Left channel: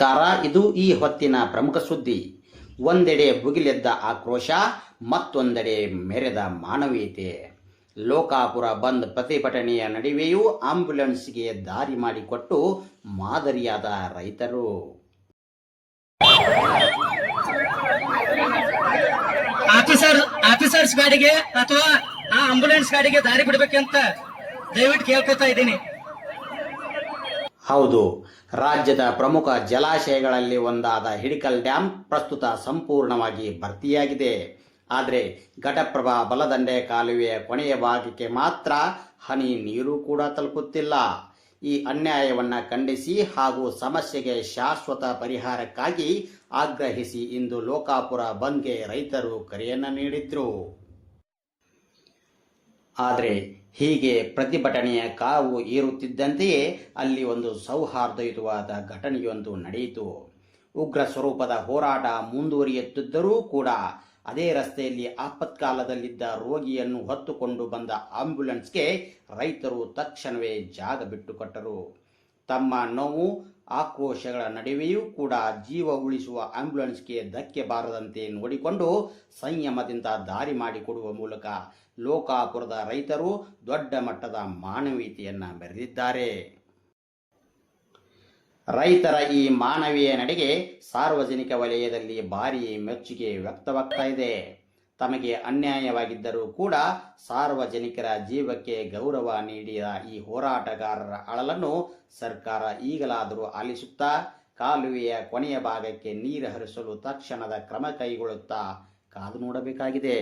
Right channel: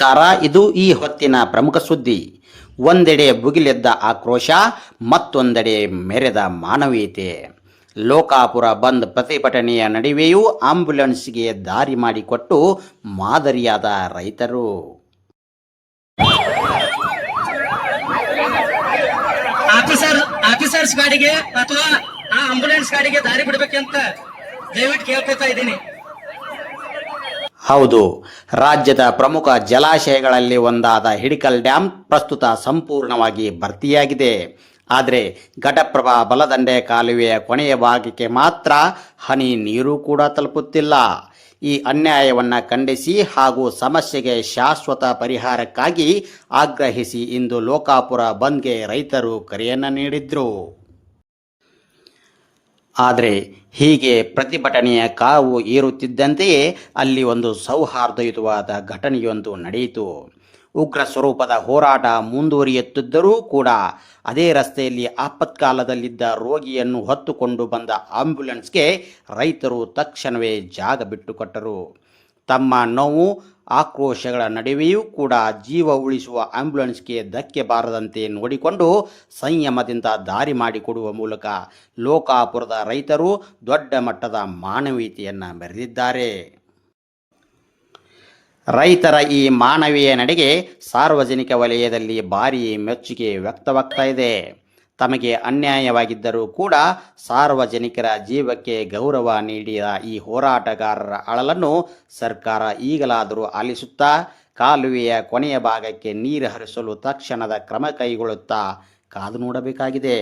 ನಮಸ್ಕಾರ. ಇದು ಈ ಹೊತ್ತಿನ ಪ್ರಮುಖ ಸುದ್ದಿ. ಒಂದೆಡೆ ಭುಗಿಲೆದ್ದ ಆಕ್ರೋಶ, ಮತ್ತೊಂದೆಡೆ ಮೆರೆದ ಮಾನವೀಯತೆ. ಲೋಕಾಪುರ ಬಂದ್ ಪ್ರತಿಭಟನೆಯ ನಡುವೆಯೂ ಆಂಬ್ಯುಲೆನ್ಸ್ಗೆ ದಾರಿ ಮಾಡಿಕೊಟ್ಟು ಮಾದರಿಯಾದ ರೈತರು. ಆಫೀಸರ್ಸ್ ಗಾಡಿಗೆ ಅಥವಾ ಆ ಆಂಬ್ಯುಲೆನ್ಸ್ ಗಾಡಿಗೆ ದಾರಿ ಬಿಡಬೇಕಂತ ದಯವಿಟ್ಟು ಕೇಳ್ಕೊತಾ ಇದ್ದೀನಿ. ಹೌದು, ರಾಜ್ಯದ ಪ್ರಮುಖ ಜಲಾಶಯಗಳಲ್ಲಿ ಒಂದಾದ ಹಿಡಕಲ್ ಡ್ಯಾಂ ಪ್ರಸ್ತುತ ಸಂಪೂರ್ಣವಾಗಿ ಭರ್ತಿಯಾಗಿದೆ. ಆದರೆ ಘಟಪ್ರಭಾ ಬಲದಂಡೆ ಕಾಲುವೆಯ ಕೊನೆಯ ಭಾಗಕ್ಕೆ ಮಾತ್ರ ಹನಿ ನೀರು ಕೂಡ ತಲುಪುತ್ತಿಲ್ಲ. ಈ ಅನ್ಯಾಯವನ್ನು ಖಂಡಿಸಿ ಹಾಗೂ ಸಮಸ್ಯೆಗೆ ಶಾಶ್ವತ ಪರಿಹಾರಕ್ಕಾಗಿ ಆಗ್ರಹಿಸಿ ಇಂದು ಲೋಕಾಪುರ ಬಂದ್ಗೆ ರೈತರು ಕರೆಯನ್ನು ನೀಡಿದ್ರು. ಆದರೆ ಹೀಗೆ ಪ್ರತಿಭಟನೆಯ ಕಾವು ಏರುತ್ತಿದ್ದಂತೆಯೇ ಅಲ್ಲಿ ಒಂದು ಸೌಹಾರ್ದಯುತವಾದ ಘಟನೆಯೊಂದು ನಡೆಯಿತು. ಉಗ್ರ ಸ್ವರೂಪದ ಹೋರಾಟ ಮುಂದುವರಿಯುತ್ತಿದ್ದರೂ ಕೂಡ ಅದೇ ರಸ್ತೆಯಲ್ಲಿ ಆಪತ್ಕಾಲದಲ್ಲಿದ್ದ ರೋಗಿಯನ್ನು ಹೊತ್ತುಕೊಂಡು ಬಂದ ಆಂಬ್ಯುಲೆನ್ಸ್ಗೆ ರೈತರು ತಕ್ಷಣವೇ ಜಾಗ ಬಿಟ್ಟುಕೊಟ್ಟರು. ತಮ್ಮ ನೋವು ಆಕ್ರೋಶಗಳ ನಡುವೆಯೂ ಕೂಡ ಜೀವ ಉಳಿಸುವ ಆಂಬ್ಯುಲೆನ್ಸ್ಗೆ ಧಕ್ಕೆ ಬಾರದಂತೆ ನೋಡಿಕೊಂಡು ಸಂಯಮದಿಂದ ದಾರಿ ಮಾಡಿಕೊಡುವ ಮೂಲಕ ಲೋಕಾಪುರದ ರೈತರು ದೊಡ್ಡ ಮಟ್ಟದ ಮಾನವೀಯತೆಯನ್ನು ಮೆರೆದಿದ್ದಾರೆ. ರೈತರ ಈ ಮಾನವೀಯ ನಡೆಗೆ ಸಾರ್ವಜನಿಕ ವಲಯದಲ್ಲಿ ಭಾರೀ ಮೆಚ್ಚುಗೆ ವ್ಯಕ್ತವಾಗ್ತಾ ಇದೆ. ತಮಗೆ ಅನ್ಯಾಯವಾಗಿದ್ದರೂ ಕೂಡ ಸಾರ್ವಜನಿಕರ ಜೀವಕ್ಕೆ ಗೌರವ ನೀಡಿದ ಈ ಹೋರಾಟಗಾರರ ಅಳಲನ್ನು ಸರ್ಕಾರ ಈಗಲಾದರೂ ಆಲಿಸುತ್ತಾ ಕಾಲುವೆಯ ಕೊನೆಯ ಭಾಗಕ್ಕೆ ನೀರು ಹರಿಸಲು ತಕ್ಷಣದ ಕ್ರಮ ಕೈಗೊಳ್ಳುತ್ತಾ ಕಾದು ನೋಡಬೇಕಾಗಿದೆ.